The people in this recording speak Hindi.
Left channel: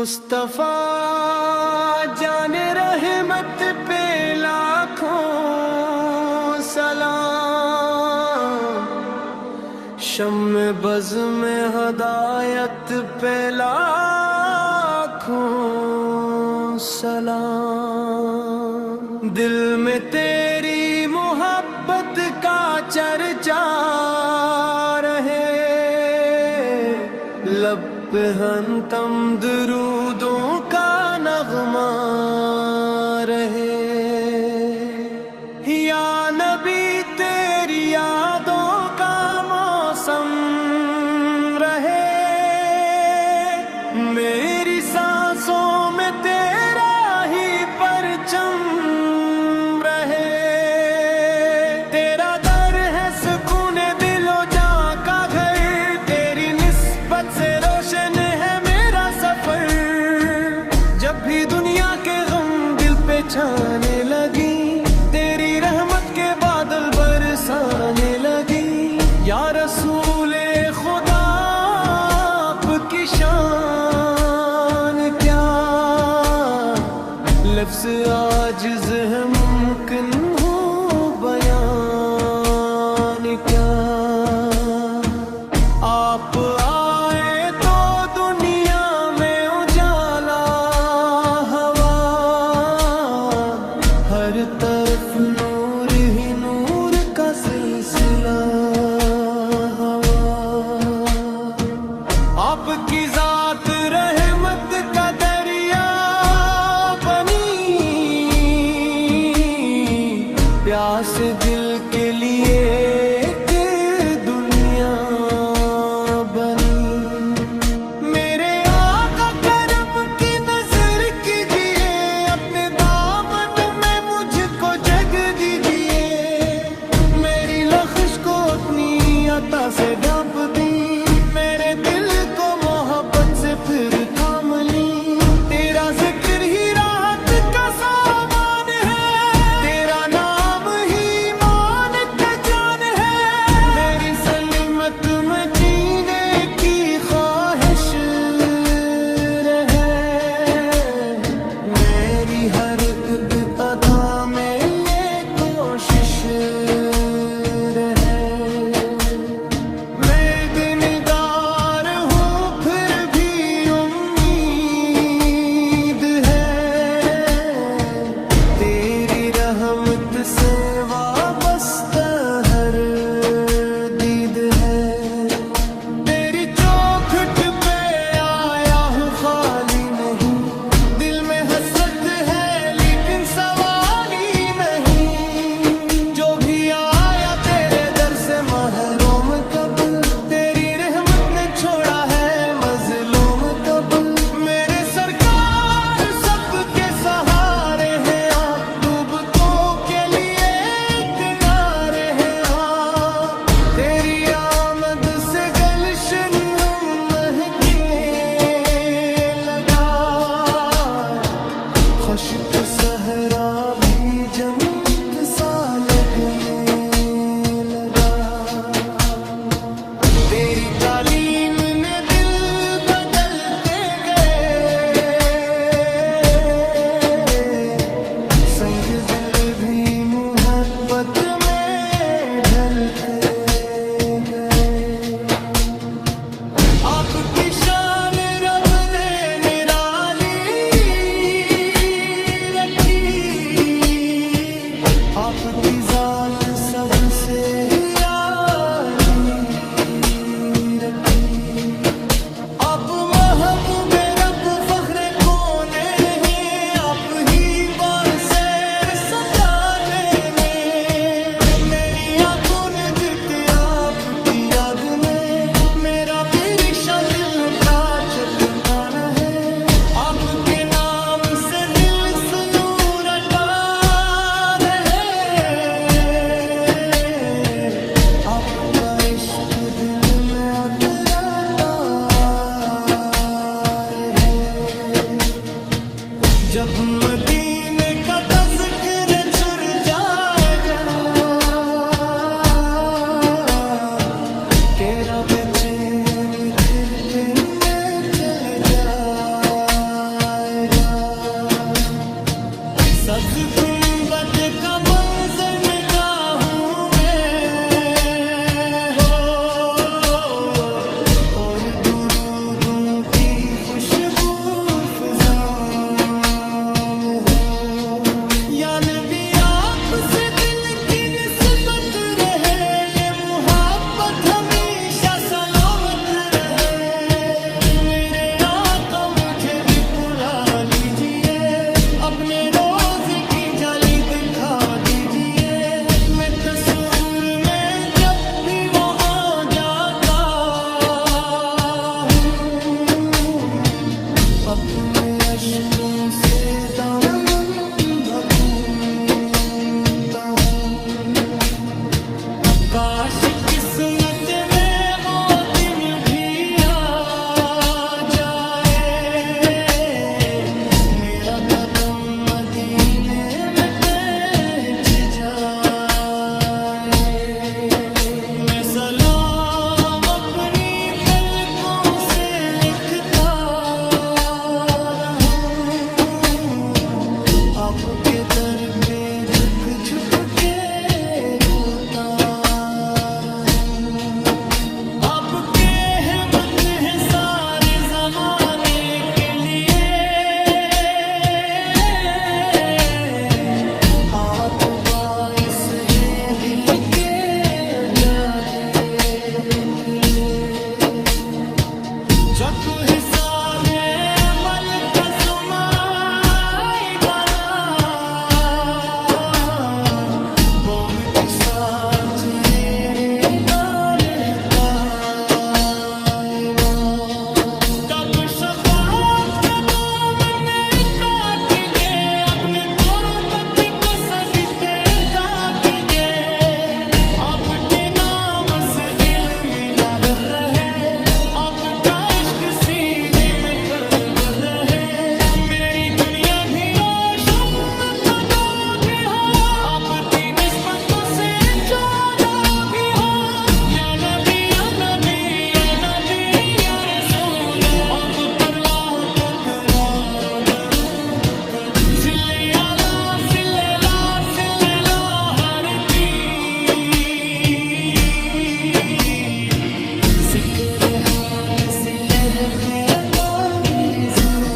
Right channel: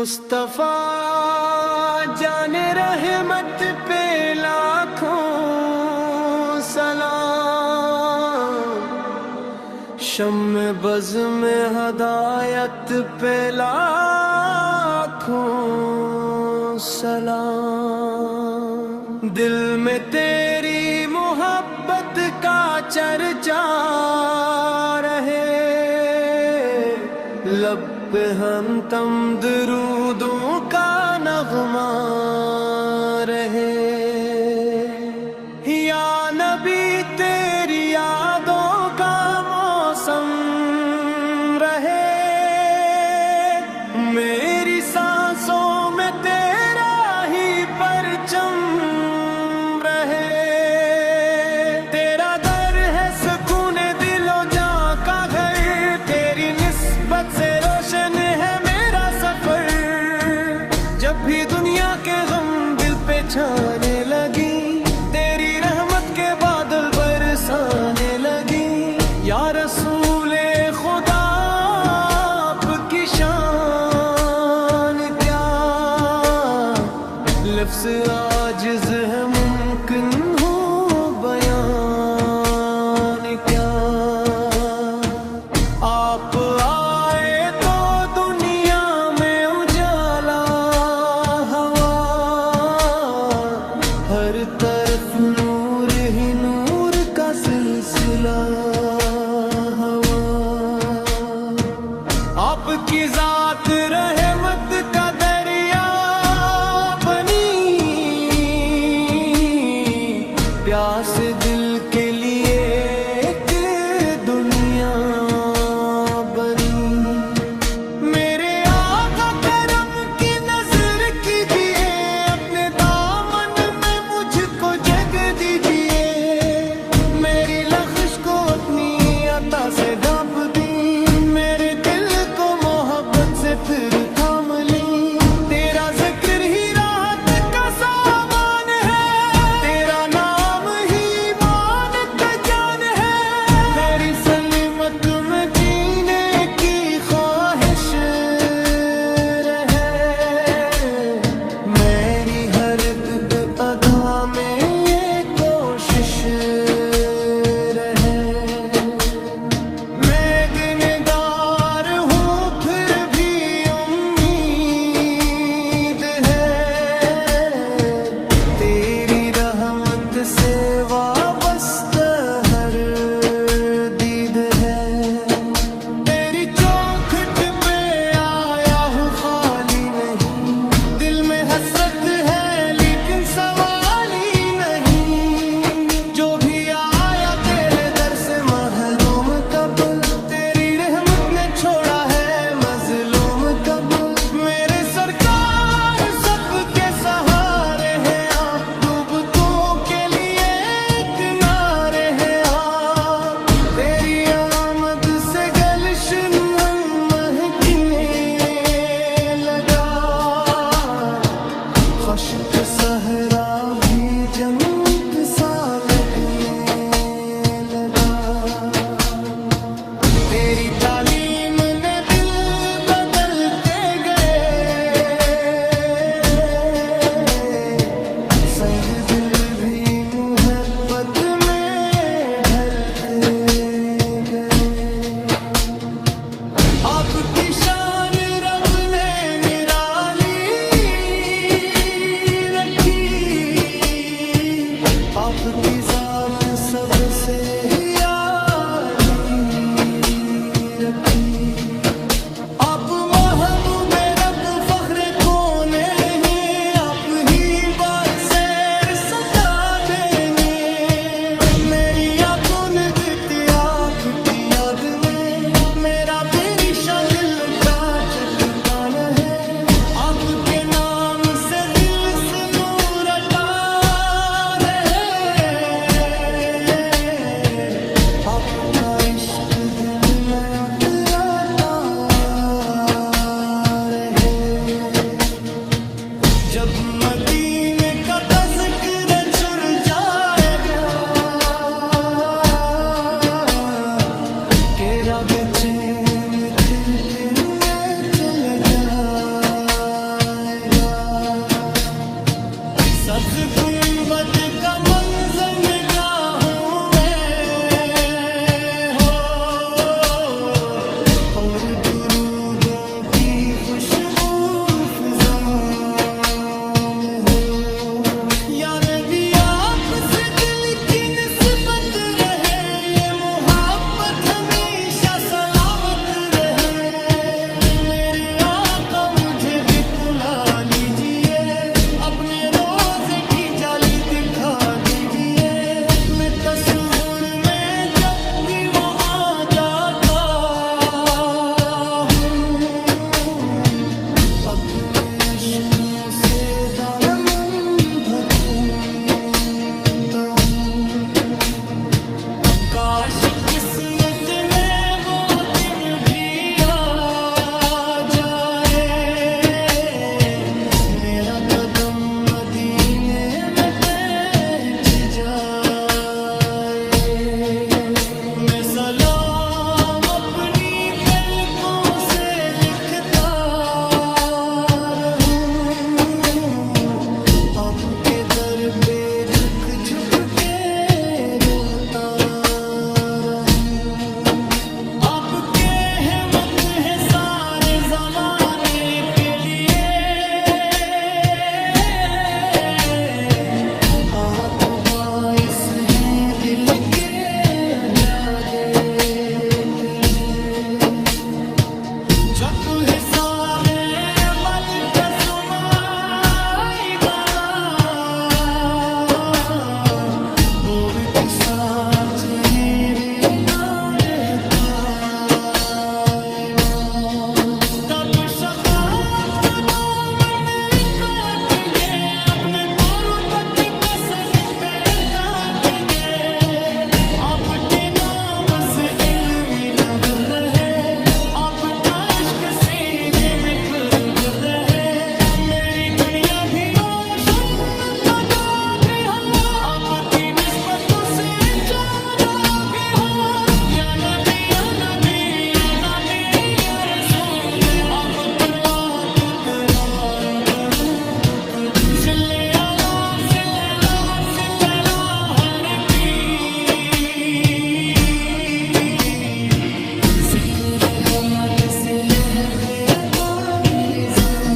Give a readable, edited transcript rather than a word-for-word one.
मुस्तफा जाने रहमत पे लाखों सलाम, शम्मे बज़ में हदायत पे लाखों सलाम। दिल में तेरी मोहब्बत का चर्चा रहे, लब पे हम तम दरूदों का नगमा रहे। या नबी तेरी यादों का मौसम रहे, मेरी सांसों में तेरा ही परचम रहे। तेरा दर है सुकूने दिलो जां का घर, तेरी निस्बत से रोशन है मेरा सफर। जब भी दुनिया के गम दिल पे छाने लगी, तेरी रहमत के बादल बरसाने लगी। या रसूले खुदा आपकी शान क्या, लफ्ज़ आजिज़ है मुमकिन हो बयान क्या। आप आए तो दुनिया में उजाला हवा, हर तरफ नूर ही नूर का सिलसिला हवा। आपकी जात रहमत का दरिया बनी, प्यास दिल के लिए एक दुनिया बनी। मेरे आका करम की नजर कीजिए, अपने दामन में मुझको जग दीजिए। मेरी लख्श को अपनी अता से ढांप दी, मेरे दिल को मोहब्बत से फिर थाम ली। तेरा जिक्र ही राहत का सामान है, तेरा नाम ही मान का जान है। मेरी सलीमत में जीने की ख्वाहिश रहे, मेरी हर अदा में ये कोशिश रहे। मैं गिनगार हूँ फिर भी उम्मीद है, तेरी रहमत से वाबस्ता हर दीद है। तेरी चौखट पे आया हूँ खाली नहीं, दिल में हसरत है लेकिन सवाल ही नहीं। जो भी आया तेरे दर से महरूम कब, तेरी रहमत ने छोड़ा है मजलूम कब। मेरे सरकार सबके सहारे हैं आप, डूबतों के लिए एक नारे हैं आप। तेरी आमद से गलशन महकने लगा, खश्क सहरा भी जन्नत सा लगने लगा। तेरी तालीम ने दिल बदलते गए, संग दिल भी मोहब्बत में ढलते गए। आपकी शान रब ने निराली रखी, आपकी जात सबसे ही आली रखी। आप महबूबे रब फख्रे कोने हैं, आप ही बासैर सदा देने। मेरी आंखों ने जीती आपकी याद में, मेरा भी रिश्ता दिल का चटकाना है। आपके नाम से दिल से नूर अता रहे, आपका इश्क दिल में उतराता रहे। जब मदीने का तज़किर छुर जाएगा, तेरा बेचैन फिर में चल जा। सब्ज गुंबद का मंजर निगाहों में हो, और दुरूदों की खुशबू फिज़ाओं में हो। या नबी आपसे दिल की निस्बत रहे, ये मुहब्बत हमेशा सलामत रहे। मेरे आका मुझे भी पुला लीजिए, अपने रोजे की जाली दिखा दीजिए। मैं तस्वुर में जब भी वो आ जाता हूँ, अपने अश्कों से दामन ढूंढता हूँ। आकाश किस्मत में वो दिन भी आ जाए, मेरा कदम मदीने में पहुंच जाए। मैं सलाम अपनी पलकों से लिखता रहूं, आपके दर पे झुक झुक के रोता रहूं। आपके हिम्मत है सारे जमाने के लिए, आप बाइस हैं दिल के जादे के लिए। जक हिसाबे बल कसुमाई बना, वो भी साथ मेरे ना रह पाए ना। कब शफाअत कब मन्ने कीजिए, अपने कुर्बती को सजदे कीजिए। आपके नाम से इल्म न रहे, आपका इश्क सीने में तुर्ब रहे। मेरी दुनिया भी रोशन तो भी हो, आपकी निस्बतों से जाना भी हो। या नबी या नबी या नबी या रसूल, आप पर लाखों करारो दरूद को सिले आला सिल्ला सिल्ला हर की। जिक्र हमद से लहके नारी जिंदगी।